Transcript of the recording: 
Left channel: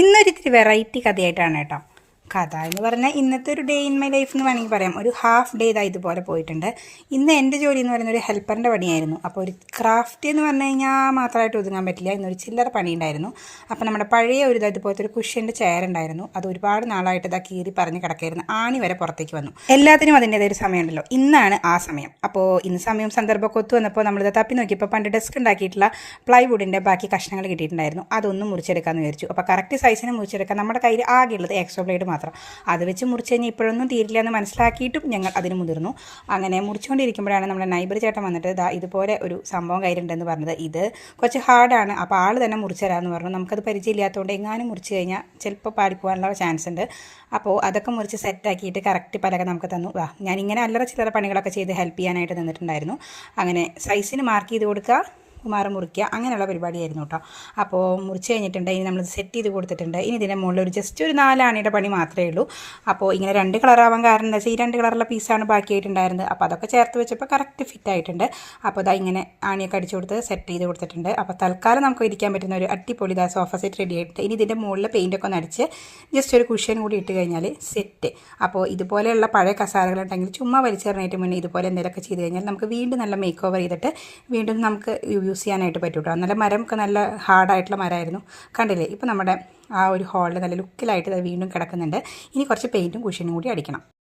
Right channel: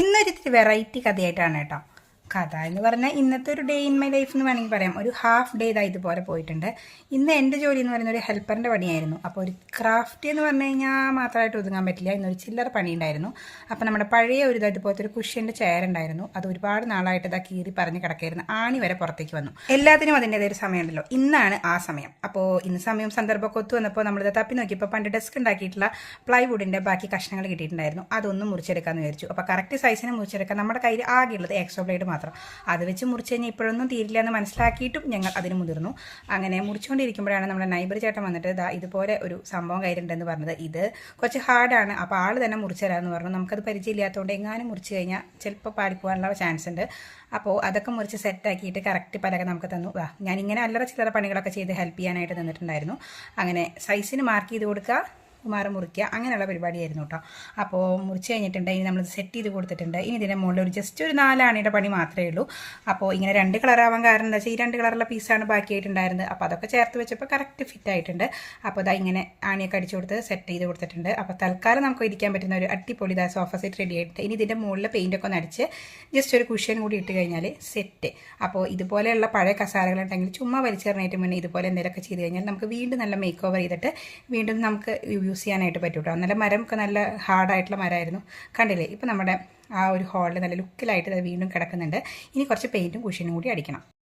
ഇന്നൊരിത്തിരി variety കഥയായിട്ടാണ് കേട്ടോ. കഥ എന്ന് പറഞ്ഞാൽ ഇന്നത്തെ ഒരു ഡേ ഇൻ മൈ ലൈഫ് എന്ന് വേണമെങ്കിൽ പറയാം. ഒരു ഹാഫ് ഡേ ഇതാ ഇതുപോലെ പോയിട്ടുണ്ട്. ഇന്ന് എൻ്റെ ജോലി എന്ന് പറയുന്ന ഒരു ഹെൽപ്പറിൻ്റെ പണിയായിരുന്നു. അപ്പോൾ ഒരു ക്രാഫ്റ്റ് എന്ന് പറഞ്ഞു കഴിഞ്ഞാൽ മാത്രമായിട്ട് ഒതുങ്ങാൻ പറ്റില്ല. ഇന്നൊരു ചില്ലറ പണി ഉണ്ടായിരുന്നു. അപ്പോൾ നമ്മുടെ പഴയ ഒരു ഇതുപോലത്തെ ഒരു കുഷ്യൻ്റെ ചെയർ ഉണ്ടായിരുന്നു. അത് ഒരുപാട് നാളായിട്ട് ഇതാ കീറി പറഞ്ഞ് കിടക്കായിരുന്നു. ആണി വരെ പുറത്തേക്ക് വന്നു. എല്ലാത്തിനും അതിൻ്റെതായ ഒരു സമയമുണ്ടല്ലോ. ഇന്നാണ് ആ സമയം. അപ്പോൾ ഇന്ന് സമയം സന്ദർഭമൊക്കെ ഒത്തു വന്നപ്പോൾ നമ്മളിത് തപ്പി നോക്കിയപ്പോൾ പണ്ട് ഡെസ്ക് ഉണ്ടാക്കിയിട്ടുള്ള പ്ലൈവുഡിൻ്റെ ബാക്കി കഷ്ണങ്ങൾ കിട്ടിയിട്ടുണ്ടായിരുന്നു. അതൊന്നും മുറിച്ചെടുക്കാമെന്ന് വിചാരിച്ചു. അപ്പോൾ കറക്റ്റ് സൈസിന് മുറിച്ചെടുക്കാൻ നമ്മുടെ കയ്യിൽ ആകെയുള്ളത് എക്സോ ബ്ലേഡ് മാത്രം. അത് വെച്ച് മുറിച്ച് കഴിഞ്ഞാൽ ഇപ്പോഴൊന്നും തീരില്ല എന്ന് മനസ്സിലാക്കിയിട്ടും ഞങ്ങൾ അതിന് മുതിർന്നു. അങ്ങനെ മുറിച്ചുകൊണ്ടിരിക്കുമ്പോഴാണ് നമ്മുടെ നൈബർ ചേട്ടൻ വന്നിട്ട് ഇതുപോലെ ഒരു സംഭവം കയ്യിലുണ്ടെന്ന് പറഞ്ഞത്. ഇത് കുറച്ച് ഹാർഡാണ്, അപ്പോൾ ആൾ തന്നെ മുറിച്ച് തരാമെന്ന് പറഞ്ഞു. നമുക്കത് പരിചയമില്ലാത്തതുകൊണ്ട് എങ്ങാനും മുറിച്ച് കഴിഞ്ഞാൽ ചിലപ്പോൾ പാടിപ്പോകാനുള്ള ചാൻസ് ഉണ്ട്. അപ്പോൾ അതൊക്കെ മുറിച്ച് സെറ്റാക്കിയിട്ട് കറക്റ്റ് പലക നമുക്ക് തന്നു. ഞാനിങ്ങനെ അല്ലറ ചില്ലറ പണികളൊക്കെ ചെയ്ത് ഹെൽപ്പ് ചെയ്യാനായിട്ട് നിന്നിട്ടുണ്ടായിരുന്നു. അങ്ങനെ സൈസിന് മാർക്ക് ചെയ്ത് കൊടുക്കുക, കുമാറ് മുറിക്കുക, അങ്ങനെയുള്ള പരിപാടിയായിരുന്നു കേട്ടോ. അപ്പോൾ മുറിച്ച് കഴിഞ്ഞിട്ടുണ്ട്. ഇനി നമ്മൾ സെറ്റ് ചെയ്ത് കൊടുത്തിട്ടുണ്ട്. ഇനി ഇതിൻ്റെ മുകളിൽ ഒരു ജസ്റ്റ് ഒരു 4 ആണിയുടെ പണി മാത്രമേ ഉള്ളൂ. അപ്പോൾ ഇങ്ങനെ 2 കളറാവാൻ കാരണം എന്താ വെച്ചാൽ ഈ 2 കളറുള്ള പീസാണ് ബാക്കിയായിട്ടുണ്ടായിരുന്നത്. അപ്പോൾ അതൊക്കെ ചേർത്ത് വെച്ചപ്പോൾ കറക്റ്റ് ഫിറ്റ് ആയിട്ടുണ്ട്. അപ്പോൾ ഇങ്ങനെ ആണിയൊക്കെ അടിച്ചു കൊടുത്ത് സെറ്റ് ചെയ്ത് കൊടുത്തിട്ടുണ്ട്. അപ്പോൾ തൽക്കാലം നമുക്ക് ഇരിക്കാൻ പറ്റുന്ന ഒരു അടിപൊളി സോഫ സെറ്റ് റെഡി ആയിട്ട് ഇനി ഇതിൻ്റെ മുകളിൽ പെയിൻറ്റൊക്കെ ഒന്ന് അടിച്ച് ജസ്റ്റ് ഒരു കുഷ്യൻ കൂടി ഇട്ട് കഴിഞ്ഞാൽ സെറ്റ്. അപ്പോൾ ഇതുപോലെയുള്ള പഴയ കസാരകളുണ്ടെങ്കിൽ ചുമ്മാ വലിച്ചെറിഞ്ഞിട്ട് മുന്നേ ഇതുപോലെ എന്തെങ്കിലുമൊക്കെ ചെയ്ത് കഴിഞ്ഞാൽ നമുക്ക് വീണ്ടും നല്ല മേക്ക് ഓവർ ചെയ്തിട്ട് വീണ്ടും നമുക്ക് യൂസ് ചെയ്യാനായിട്ട് പറ്റും കേട്ടോ. നല്ല മരമൊക്കെ നല്ല ഹാർഡായിട്ടുള്ള മരമായിരുന്നു. കണ്ടില്ലേ, ഇപ്പോൾ നമ്മുടെ ആ ഒരു ഹാളിൽ നല്ല ലുക്കിലായിട്ട് അത് വീണ്ടും കിടക്കുന്നുണ്ട്. ഇനി കുറച്ച് പെയിൻറ്റും കുഷ്യനും കൂടി അടിക്കണം.